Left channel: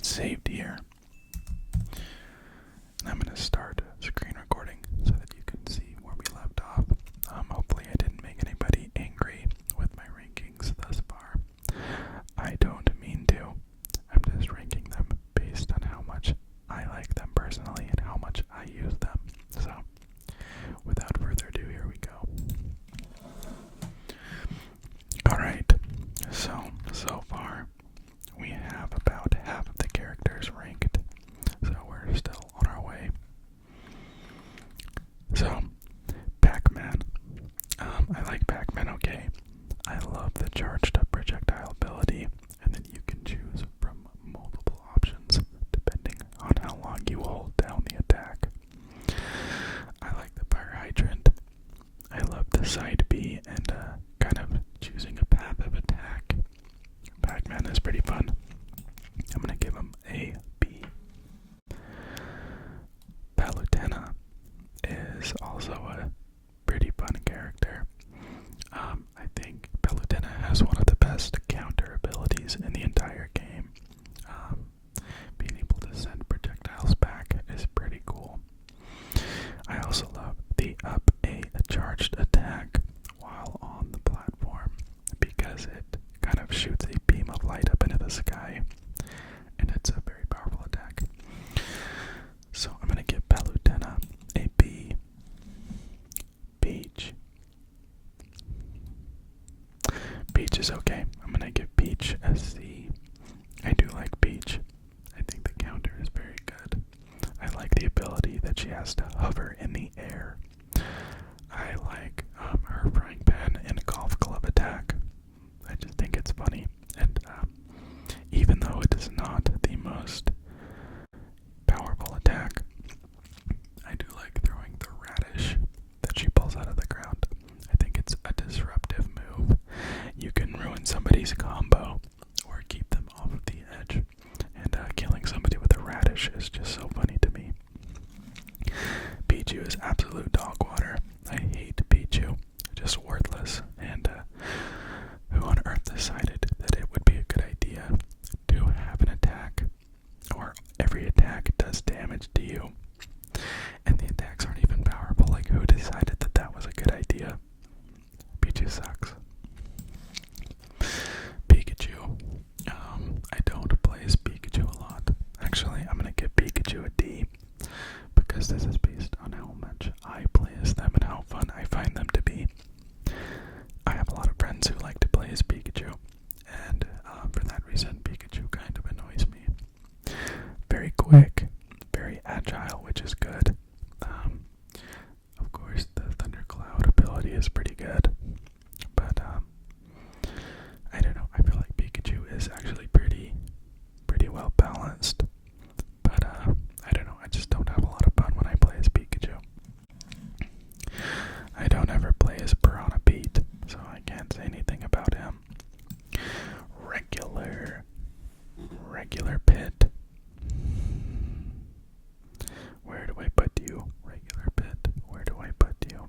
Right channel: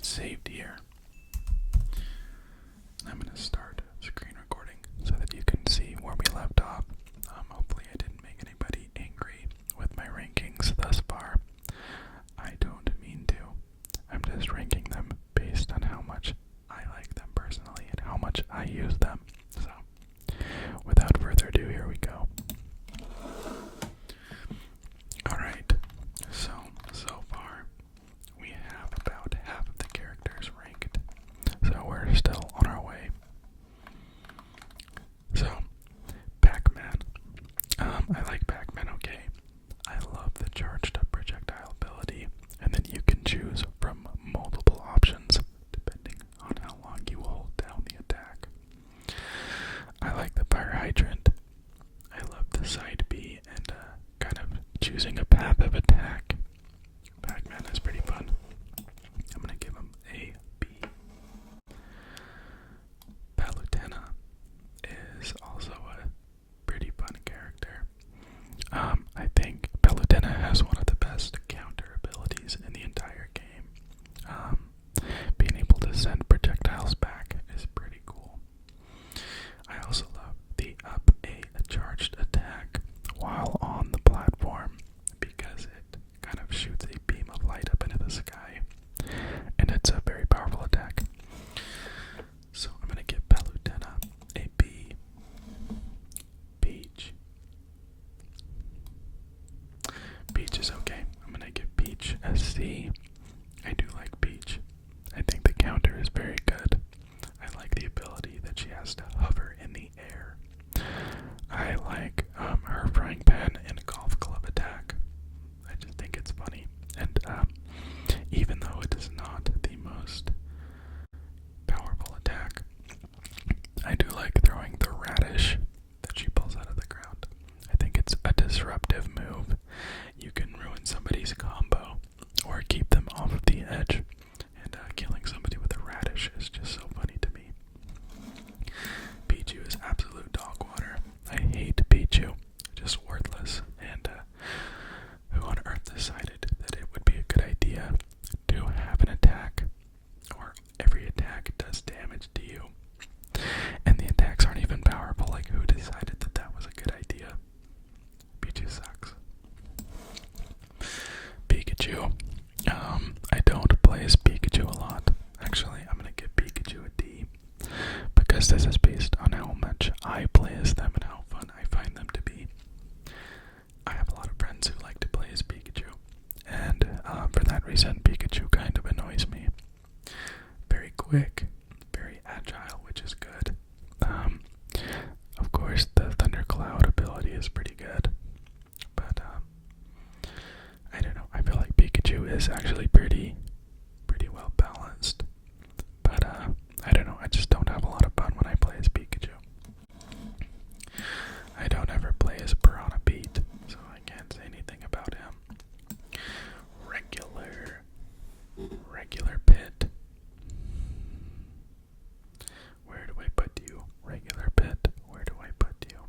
get saved here. And I'm going to start screen recording so that you can see where we left off. Hopefully I didn't make anybody angry with my rankings thus far. I don't mean to. I'm just ranking them based on how much I like them personally and how much I use them. So, without further ado, here we go. Alright, so far we have about half of the characters ranked, so we're still on our way. So, Pac-Man. I like Pac-Man, okay. I love the charged up projectile ability, and then you can choose from multiple options depending on how long you hold down the attack. I like the fire hydrant. I love the side B and kind of choosing a path of attack. Pac-Man is pretty fun. I'm gonna give him a B. Palutena is also a pretty fun character. I think Palutena has one of the best counter abilities in the entire game. Being able to send projectiles back is pretty cool. I also love the up a charged attack while on the platform because it kind of shoots a beam of light up into the sky, and it's a very powerful attack. So I'm gonna give Palutena a B. Peach. Peach is okay. I'm gonna give Peach a C. I do like Peach. I think the counter is very good. I like the ability that she has to hover in the air. I like her frying pan and golf club attack. I just think it's funny. And even though it is not the most powerful attack, I do like throwing the radish that she pulls out of the ground. I think it's a disruptive move. You can ruin somebody's combo or keep them off of the edge. And killing somebody with a radish is just so funny to me. Pichu is absolute dog water. I hate Pichu. Just worthless. And who on earth decided that it would be a good idea to have an attack, or every attack does damage to you, and the attacks aren't even powerful? Like, who decided that that was a good idea? Pichu sucks. Pikachu. I don't play as Pikachu a lot. Actually, I'm gonna give Pikachu a D, because this is based on how much I play as them and how fun I find them to be. I have a lot of friends who like to play as Pikachu, and for that reason, Pikachu kind of annoys me. Very quick, very agile, which is good. Of course, the Thundercloud ability is pretty good, but I don't know. I feel like Pikachu is actually pretty well balanced, but I don't know. I just don't have a lot of fun when I play as Pikachu. I don't ever play as Piranha Pete, so I can't say anything about him. Regular Pit. Where do I put you? Regular Pit. Where do I put you?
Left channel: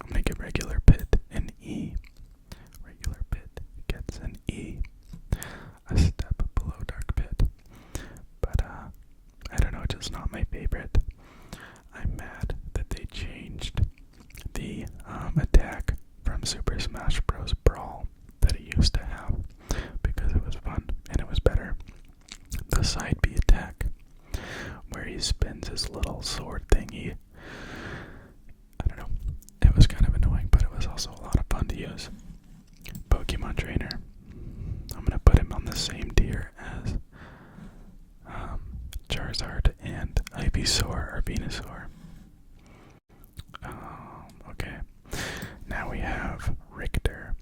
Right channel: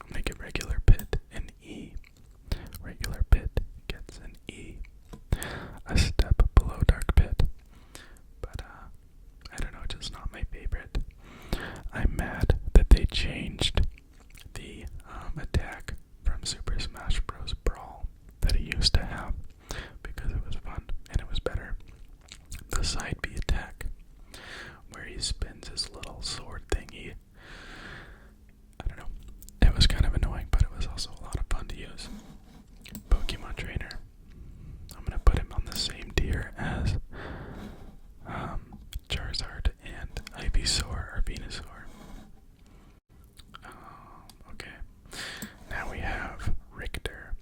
I'm gonna give Regular Pit an E. Regular Pit gets an E. A step below Dark Pit. But I don't know, just not my favorite. I'm mad that they changed the attack from Super Smash Bros. Brawl that it used to have, because it was fun and it was better. The side B attack, where he spins his little sword thingy, I don't know, it was kind of annoying, but it was also a lot of fun to use. Pokemon Trainer, I'm gonna put him on the same tier as Charizard and Ivysaur or Venusaur. Okay, now we have Richter.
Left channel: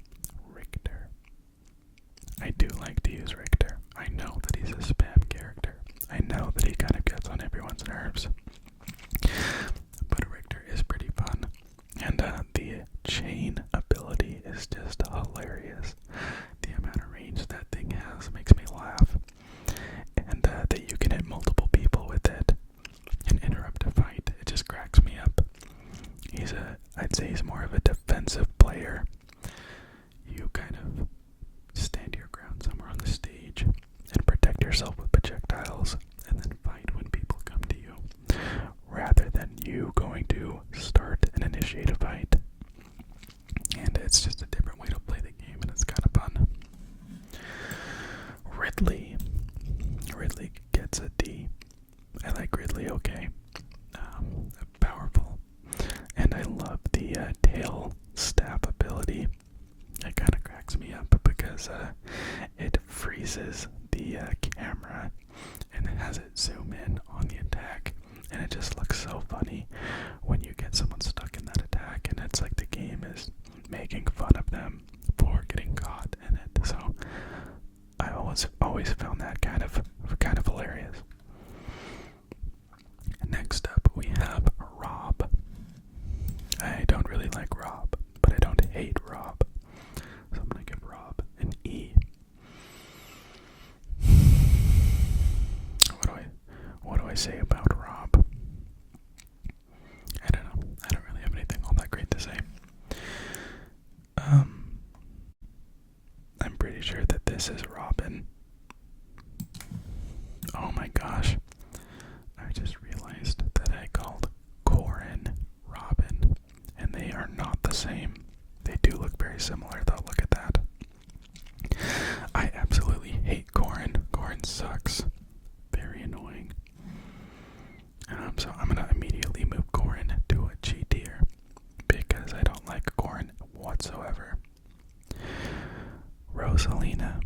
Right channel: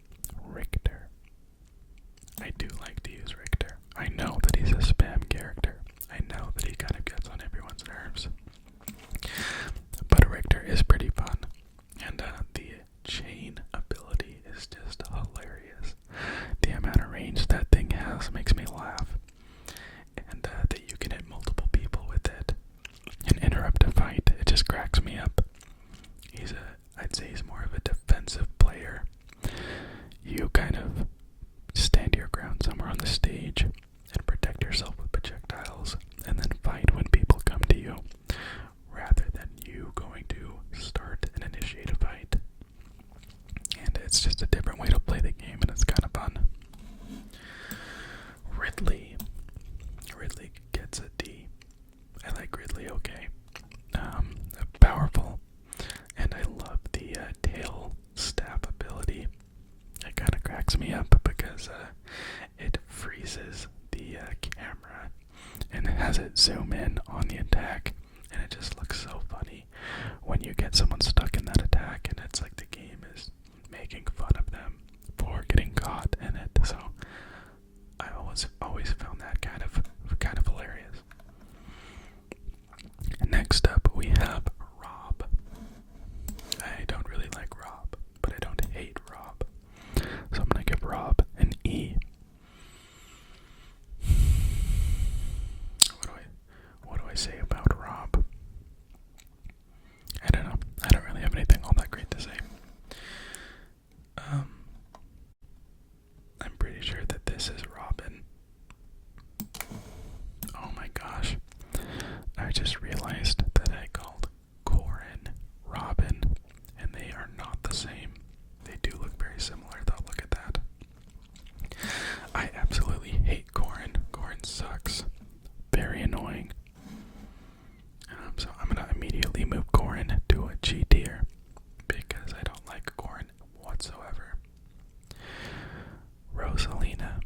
I do like to use Richter. I know that he's a spam character. I know that he kind of gets on everyone's nerves. But Richter is pretty fun. And the chain ability is just hilarious. The amount of range that thing has makes me laugh. And that you can hit multiple people with it and interrupt a fight, it just cracks me up. I'd say he's more of a defensive player. You kind yourself with projectiles and then fight when people come to you, rather than you going to start and initiate a fight. And it's just a different way to play the game, and it's kind of fun. Ridley gets a D. I like Ridley, okay. Powerful. And I love the tail staff ability. It kind of cracks me up because it freezes the camera and it has it zoom in on the attack, and it just looks so funny when you get someone stuck in that attack, and it's like the game is making fun of them for getting caught in it. So I always found that kind of hilarious. Next up we have Rob. I don't really like Rob, but I don't hate Rob. So I'm gonna give Rob an E. What do I say about Rob? I don't know. I don't really have anything all that great to say. I'm pretty sure that this is Robin. Oh my gosh. I just realized that I called Corin Robin, and they are not the same. They do look very similar though, look at that. I absolutely hate Corin. Corin sucks. Very annoying. So I'm gonna immediately move Corin to a G tier because I don't like Corin whatsoever. Rosalina.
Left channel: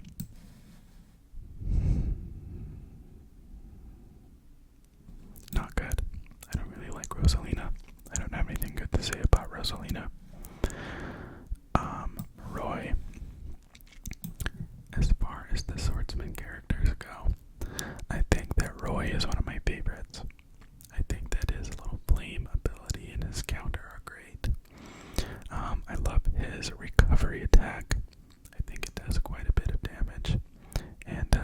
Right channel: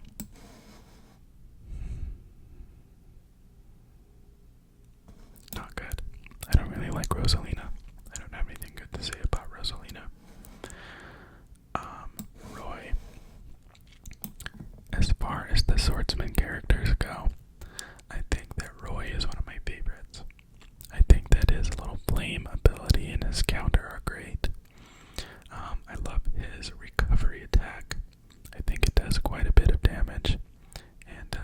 Not good. I don't really like Rosalina. I don't have anything good to say about Rosalina. Roy. As far as the swordsman characters go, I think that Roy is one of my favorites. I think that his little flame ability and his counter are great. I love his recovery attack. I think it does quite a bit of damage. And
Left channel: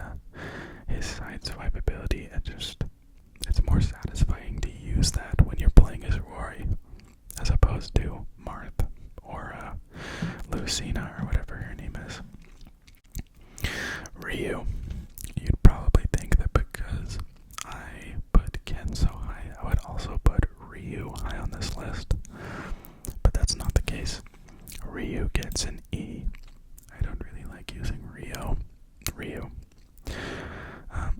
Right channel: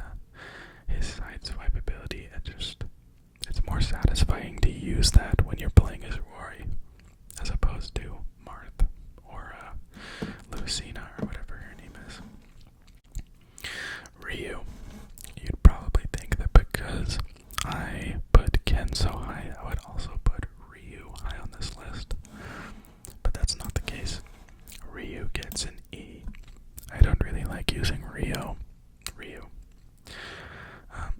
his side swipe ability, it's more satisfying to use that when you're playing as Roy as opposed to Marth or Lucina or whatever her name is. Ryu. You'd probably think that because I put Ken so high, I would also put Ryu high on this list. But that's not the case. Ryu gets an E. I don't really like using Ryu.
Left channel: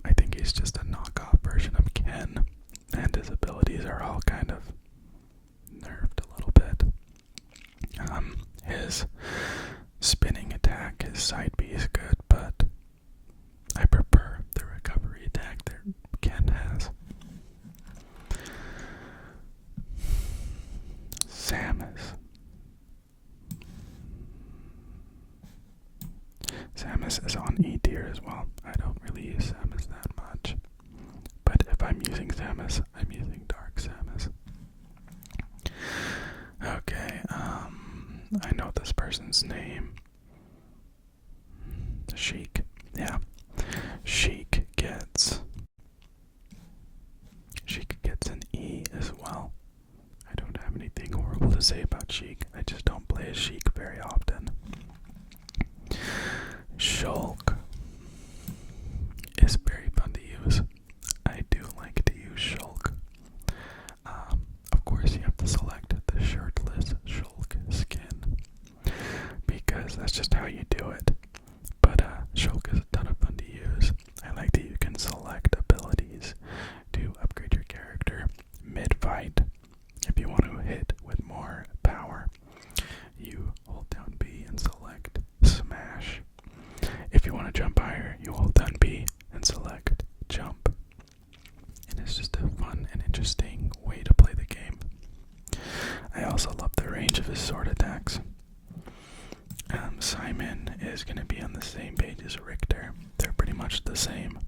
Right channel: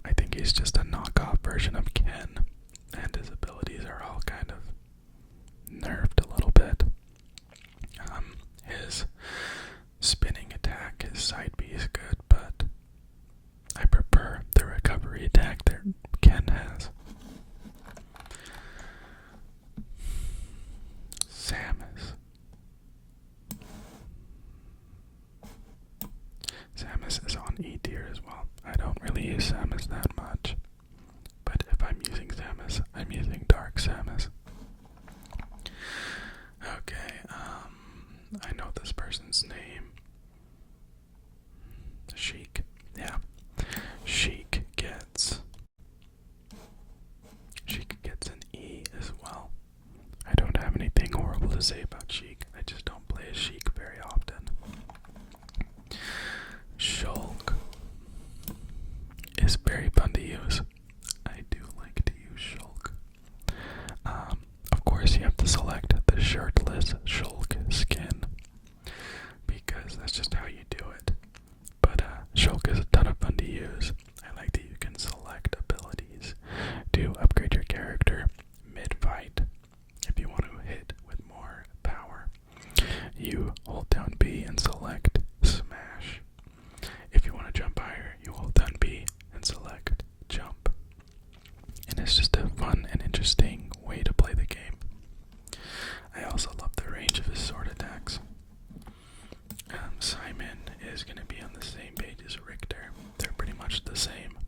I think he's just a knockoff version of Ken, and his abilities are all kind of nerfed a little bit. His spinning attack, his side B is good, but I prefer the recovery attack that Ken has. Samus. Samus is on E tier as well. I don't really use Samus that much, but if I'm using Samus, I'm using Dark Samus. Okay, I know this person's name. Sheik. Yeah. Sheik gets an E as well. I don't have anything horrible to say about Sheik. I just don't play as Sheik very often. Shulk is very fun to use. I do like to use Shulk. Of course, you have to select the shirtless Shulk skin because that's just how you do it. But Shulk is a ton of fun to use. I like that you can select abilities to upgrade your character mid-fight. If you want to hit with more power, you hold down B and select Smash. If you want to jump higher, you hold down B and select Jump. And it's just a fun and interesting way to play the game. I also love the range of his sword attacks. Simon is going to be on the same page as Richter. They're pretty much the same.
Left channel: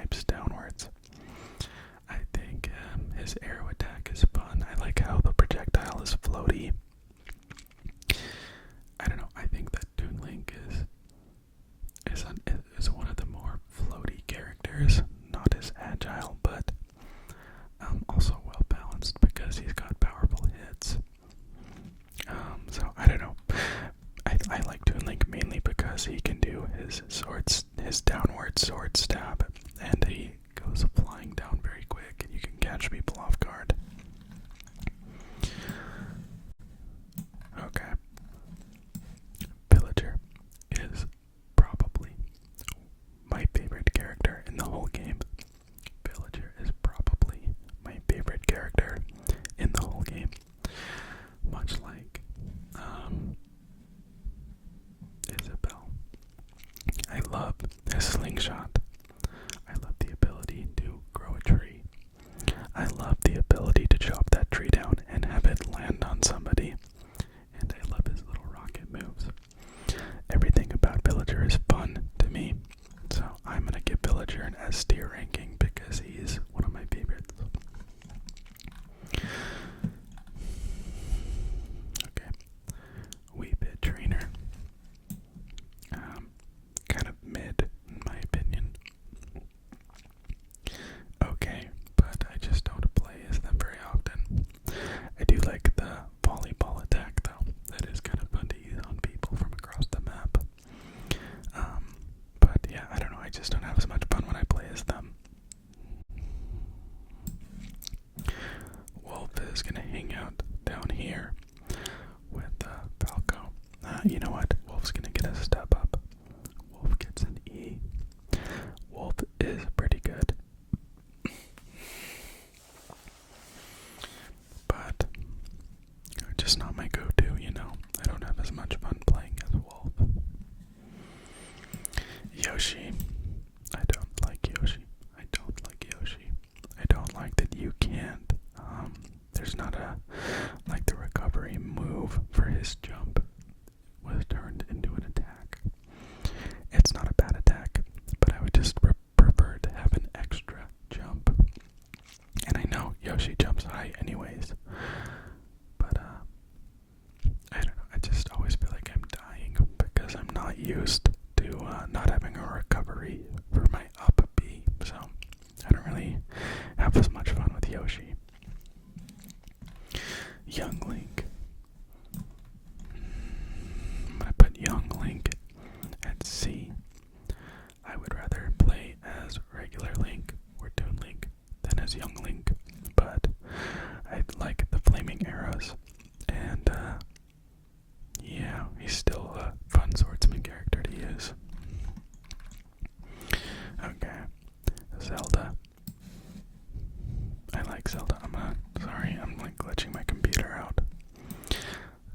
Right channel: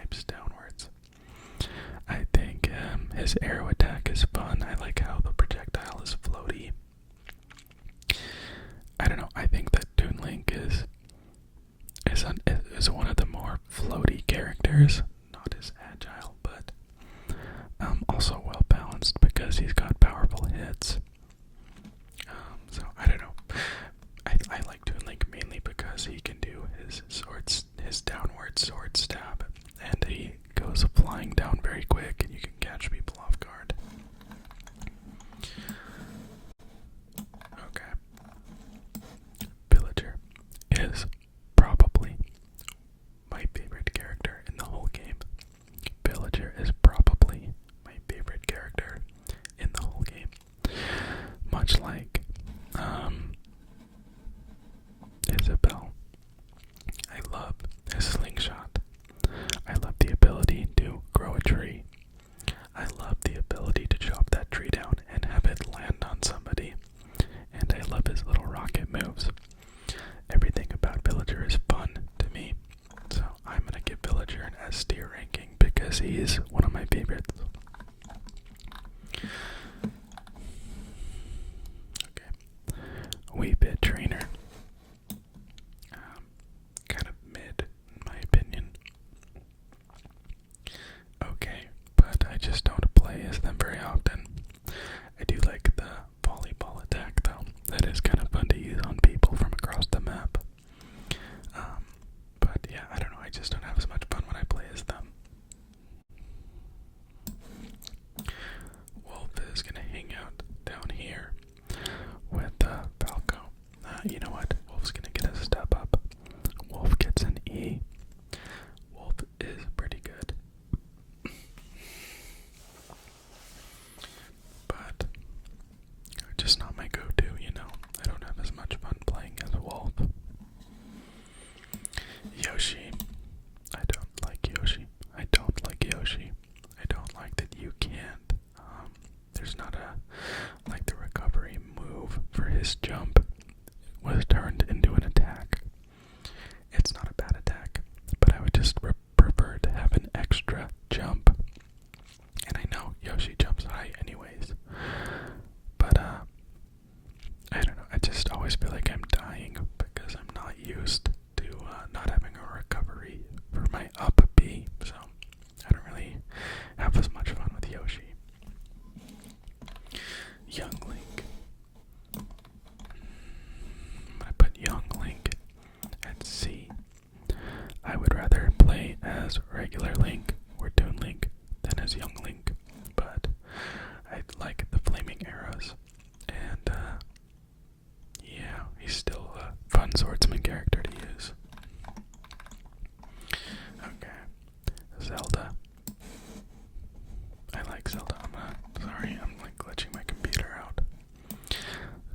swipes downwards. I think his arrow attack is fun. I like how the projectile is floaty. I don't know. I think that Toon Link is one of the more floaty characters. Not as agile, but also well balanced because he's got powerful hits. So I don't know. I like Toon Link mainly because he can do his downward sword stab, and he goes flying down very quick, and you can catch people off guard. Okay. Villager is probably my favorite character in the whole game. Villager is probably my favorite character in the whole game. Much like Isabelle. I love his slingshot. I love the ability to grow a tree. I love the ability to chop that tree down and have it land on somebody. And I love his little rocket moves. Everything about Villager is fun to me. So I'm going to give Villager an S tier ranking because he's one of my favorites. Okay. Wii Fit Trainer. Kind of mid, in my opinion. Okay, but I just don't play as them very often. I do like the volleyball attack, though. That is kind of fun to use on people from across the map. But yeah, I don't know. I just don't have as much fun when I play as them. Wolf is gonna hang out down here with Falco. You know what? Wolf's gonna get a step up. Wolf gets an E. Wolf is pretty good. But just not my go-to, you know. I don't have as much fun playing as Wolf. Yoshi. I don't like Yoshi. I don't like Yoshi. I don't like that you can't. There's not like the recovery move for his jump was turned into an attack. It's not a bad attack, but I would just prefer to have an extra jump. And I know Yoshi jumps high anyways, but I don't know, I just always feel like I'm dying because I'm not used to not having a recovery for my up B, so I don't really have as much fun with Yoshi. Young Link. I'm gonna put Young Link at C. I would rather play as regular Link or Toon Link than as Young Link, but I like the flaming arrows, and yeah, he's still a fun swordsman character to use. Okay, Zelda. I like Zelda. I'm like glitching my computer out.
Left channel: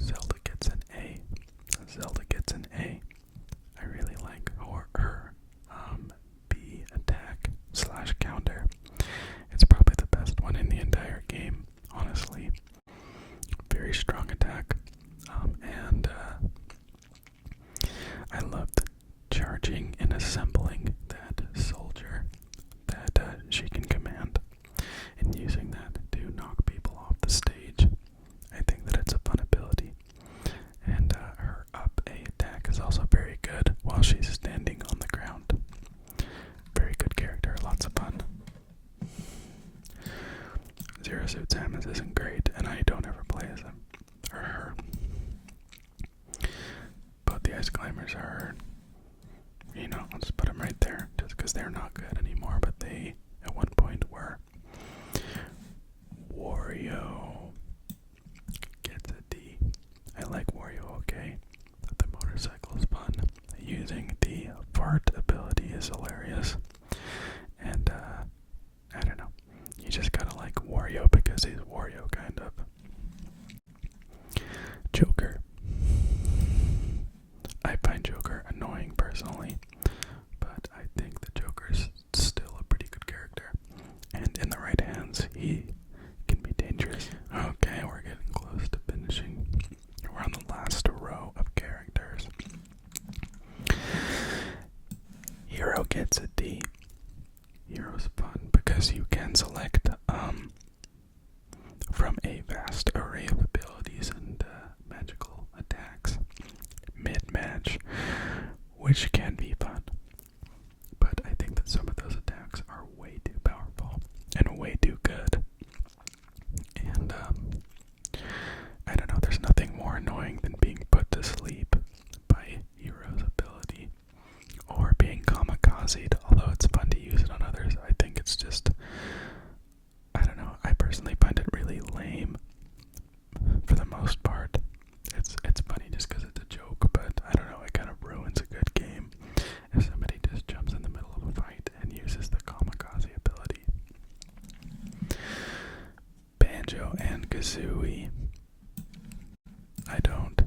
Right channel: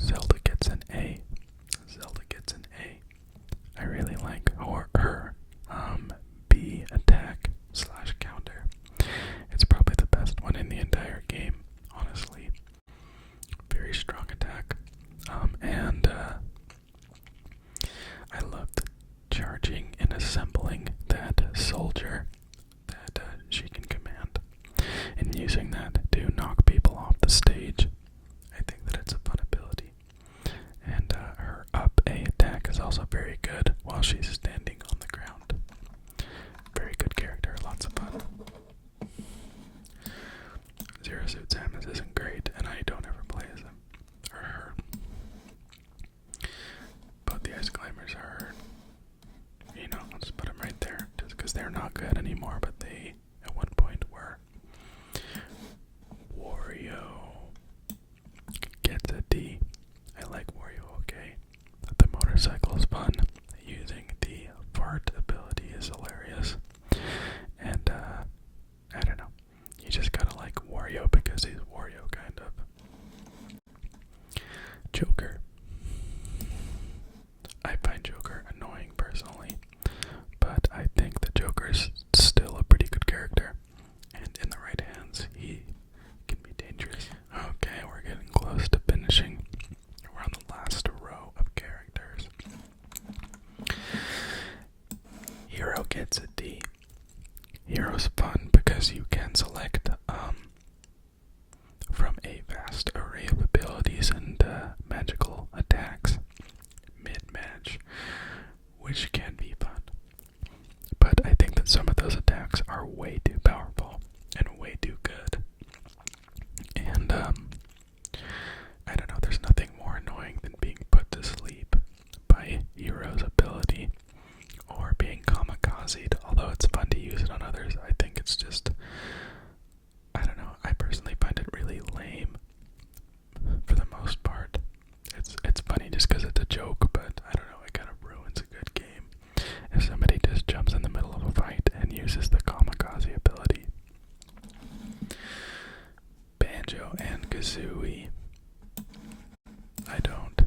Zelda gets an A. Zelda gets an A. I really like her B attack / counter. It's probably the best one in the entire game, honestly. Very strong attack. And I loved charging and assembling that soldier that she can command and using that to knock people off the stage. I think that it's a fun ability. And her up A attack is also very good while she's standing on the ground. Very good character, lots of fun. Zero Suit Samus isn't great, and I don't ever play as him or her. But the Ice Climbers are, you know, I'll just put them right there, just because they're not good anymore, but they at one point were. Wario gets a D. I like Wario, okay? The motorcycle is fun. Using the fart ability is hilarious. And, I don't know. You just gotta like Wario because he's Wario, kind of. Joker. I find Joker annoying personally, but I think the Joker's still a pretty good character. And in the right hands, he can be dangerous. Okay, we're getting close to finishing. We're on the last row of characters. Hero gets a D. Hero's fun because you can select from a vast array of abilities and magical attacks mid-match, which can be fun. But I think that some of those attacks are way too powerful and way too good. And I don't know, there's nothing more annoying than being put to sleep by Hero's ability or being kamikazed. Although it's fun to use it on others, I think it's just, I don't know, I personally find it really lame for the most part. It's funny just because it's a joke, but I don't know, it kind of ruins a good game if somebody just jumps in the middle of a fight and uses the kamikaze ability. Banjo and Kazooie, I don't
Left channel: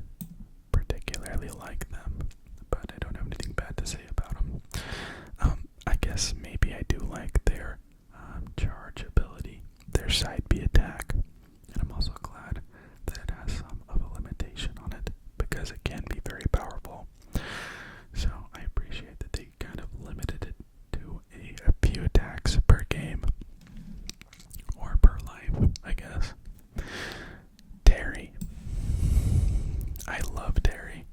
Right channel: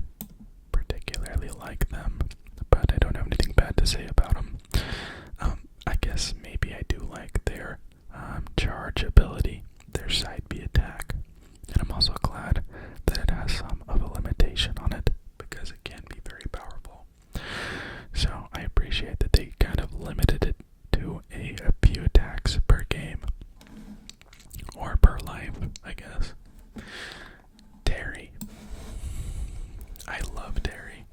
particularly like them, but I don't have anything bad to say about them. I guess maybe I do like their charge ability, their side B attack, and I'm also glad that it has some of a limitation on it because it can be very powerful. So I appreciate that they kind of limited it to a few attacks per game, or per life, I guess. Terry. I love Terry.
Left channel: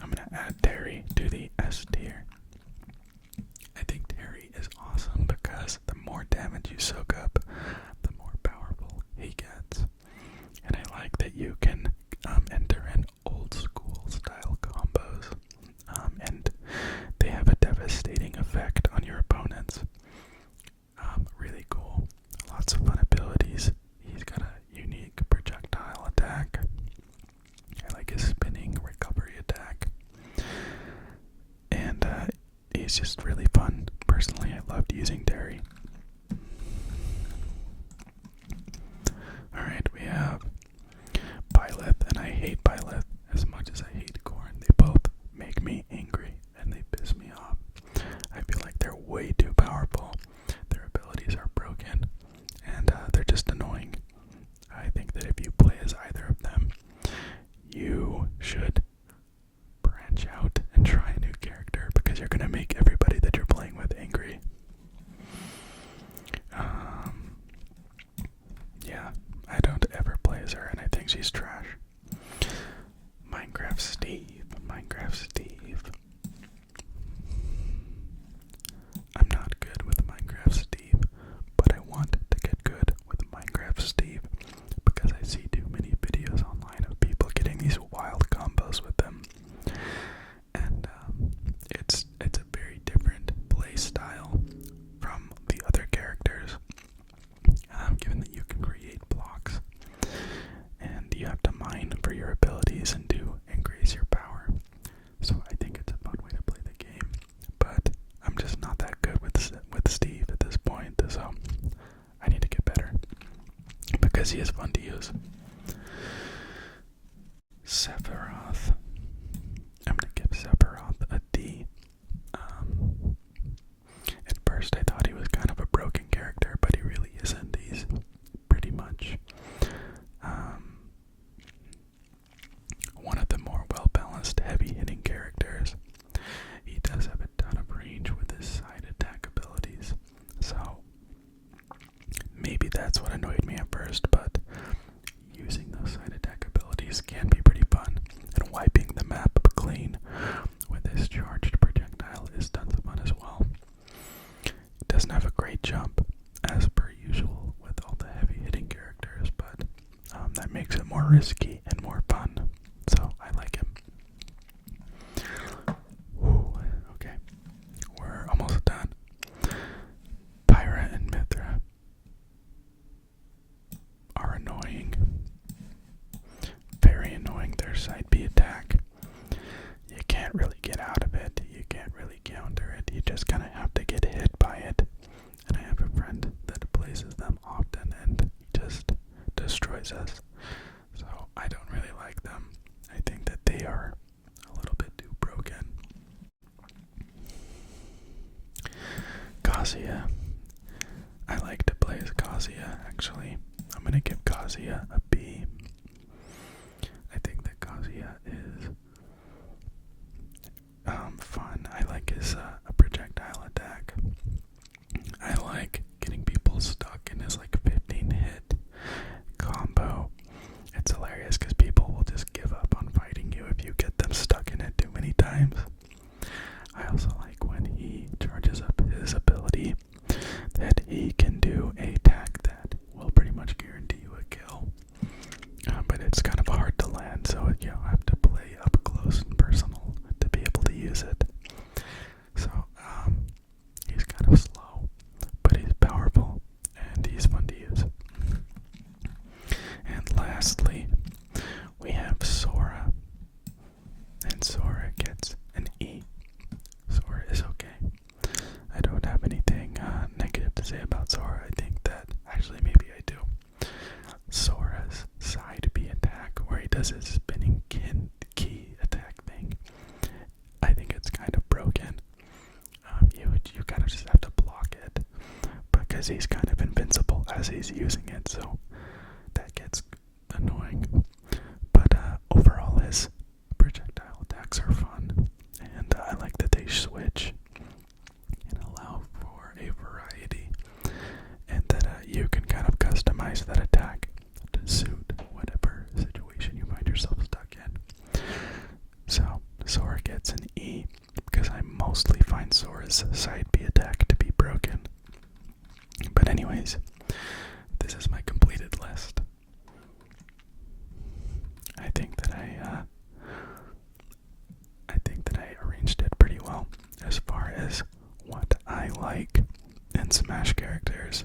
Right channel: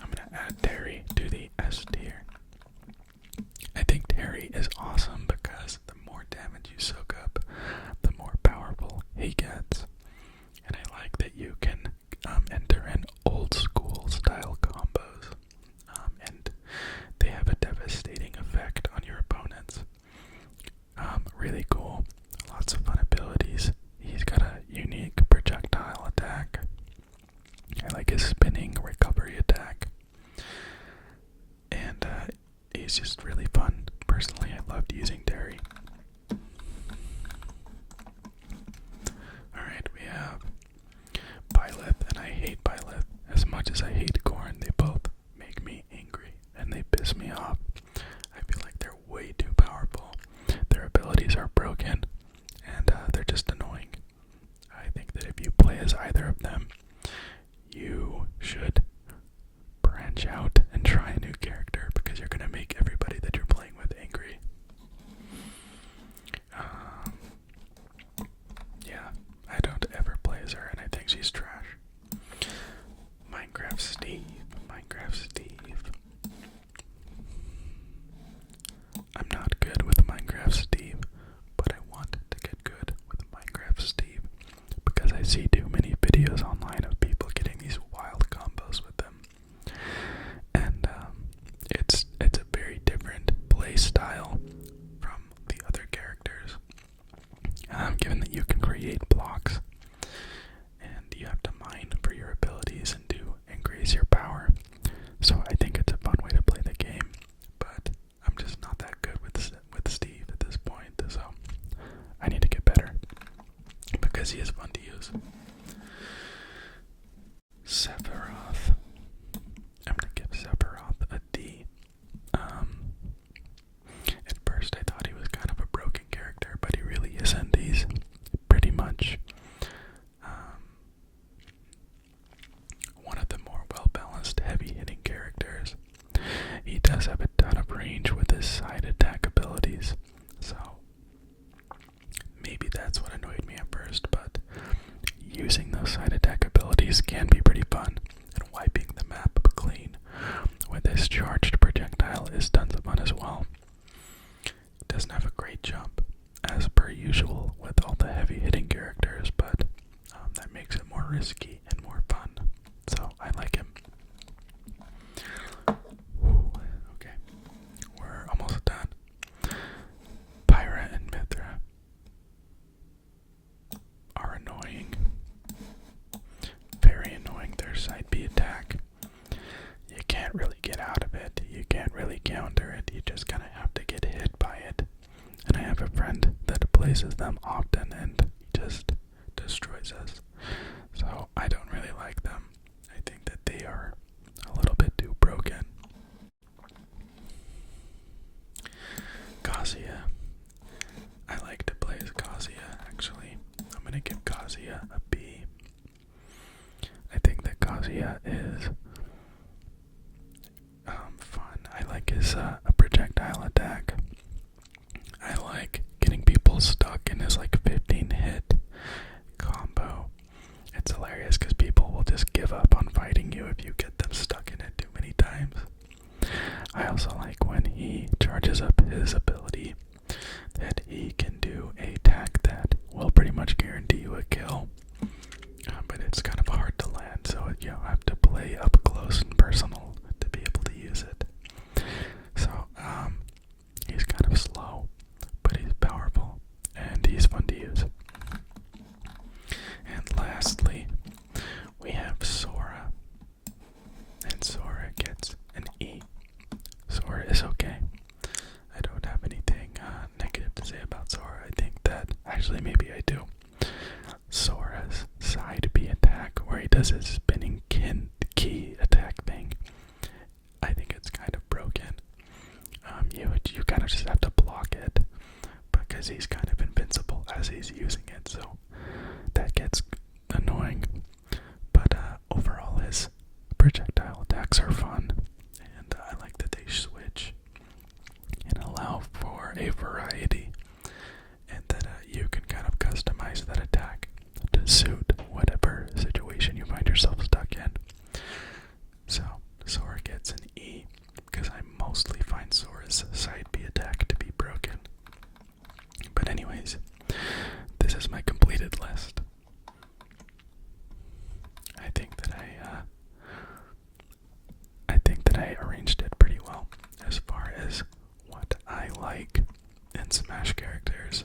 I'm gonna add Terry to the S tier. I think Terry is awesome because the more damage you soak up, the more powerful he gets. And I like that you can enter in old school style combos, and they have a devastating effect on your opponents. Really cool. Lots of fun abilities. He's got a unique projectile attack. I like his spinning recovery attack. And he's just really fun. Personally, I loved using Terry. Alright, we have Byleth, and I hate Byleth as much as I hate Corn. They both make me angry, and they piss me off. I feel like they're way too powerful. Their abilities are broken, and they're just annoying. I think that if you play as either of them, you should branch out and try a new character because you're going to make everybody that you're playing with angry. Yeah, I don't ever play as her, and I think she's trash. Minecraft Steve. I'm not good with Minecraft Steve, but I want to get good with Minecraft Steve because I see too many videos online of people getting these wild combos with them. And it's a very different play style from the other characters. Given that you can create blocks and you have to mine for your abilities and to increase your power. So I think it's a fun way to play the game, but I'm just not that good with Steve at this point, so I need to get better because he is fun to use. Sephiroth. I'm gonna give Sephiroth a D. At first I thought he was kind of a broken character, but he really isn't. He's pretty much one of the more well-balanced, heavy-hitting characters. He does have a ton of range with his side attack abilities, so maybe that's what annoyed me at first, but using those side attack abilities can be pretty fun, and wiping the map clean with his charged projectile is tons of fun as well. It doesn't have a great jump, as per usual with all the heavy-hitting characters, but that makes it more risky and more fun, so I like him. Whew, okay, we're almost done. Pyra and Mithra are annoying. Very annoying. Their side B attack. You can't really get out of it. You can't really counter it. You just kind of have to get hit by it. And I have a friend that plays as them often, and he just destroys us. So I don't really like them. I think that they are a little bit too broken. Kazuya. I like to play as Kazuya, actually. I'm gonna give Kazuya a B. I think that Kazuya is fun. I like his projectile attack. charges up his ability that he can do a attack that will pretty much guarantee you a kill. But it's kind of hard to land, so you have to play up close and personal to be able to use it. So, he's kind of slow, but he's powerful, and he's fun to use. And lastly, we have Sora. And Sora gets an E. Sora is okay. I don't have anything negative to say about Sora. I think that, actually maybe I do. Sora's side B attack, where he does his spinning key attack thing, I think it's kind of broken. You kind of just have to block it, because he's kind of invincible as he's using it, so that gets annoying. But overall, his projectile attacks are fun, and I like that they switch and allow for a variety, and that you can kind of customize that attack to suit whatever situation you find yourself stuck in. So Sora gets an E, because I mostly find Sora's side B attack to be broken. But anyways, this is my completed list. I think that I arranged it pretty well as far as what I like in Smash characters.